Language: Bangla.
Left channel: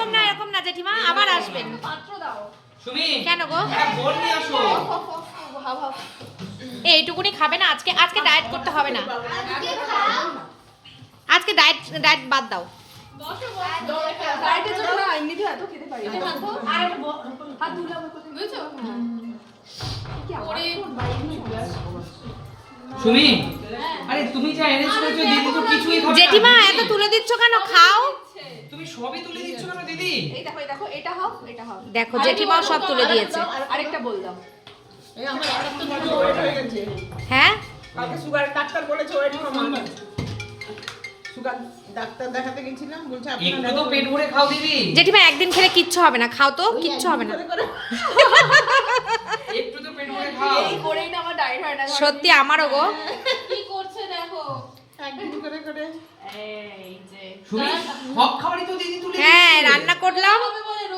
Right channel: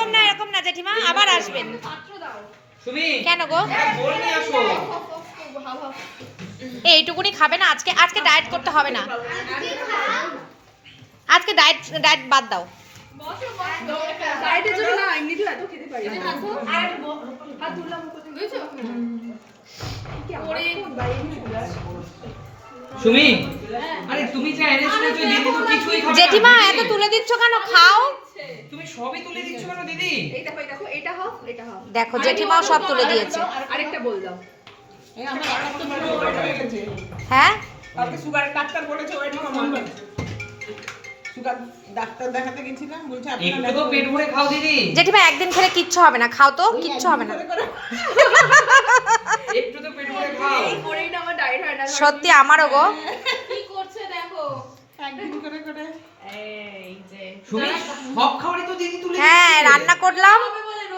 এরকম না জেঠিমা, আবার আসবেন। সুমি কেন গো? বল নিয়ে আসো। এইটুকুনি খাবে না আজকে? আজকে ডায়েট করতে হবে না, আজকে ডায়েট বাদ দাও। ডায়েটের জন্য না, এমনিতেও এত খেতে পারি না। হাত তুলে আমার প্রতি বুঝছো? কি আমার ফোন বাইরে চলে আসছে। সুমি আরে তুমি যা এনেছো দিদি তো কিছুই খাবে না। জেঠিমা এত তুলে দিচ্ছ কেন? খাও। তুমি সবই তুলে দিচ্ছ কেন দিদি? এই দেখো এটা হাফ, এটা হাফ। দেখো জেঠিমাও সব তুলে দিয়েছে। আরেকটা বল দাও। এই আমার রাখার তো পুরো ওয়েট হয়ে গেছে। হ্যাঁ কালকে সুগারের ডাক্তার বলেছে ওয়েট কমানো। সুগার ডাক্তার দেখাতে গেছিলাম, বলছে একটু তো পেট ভরে খাও দিদি। জেঠিমা একদিন খেলে কিচ্ছু হবে না, খাও তো, কিচ্ছু হবে না। একটু তো পেট ভরে খাও। এই করেই না আমার ডায়েট হয় না। সত্যি আমারও গো। কি করছে দেখো। একদিন করে এই যে সুমি সব খাবারই তো দিদি তুলে হ্যাঁ দিচ্ছে। রান্না করলাম,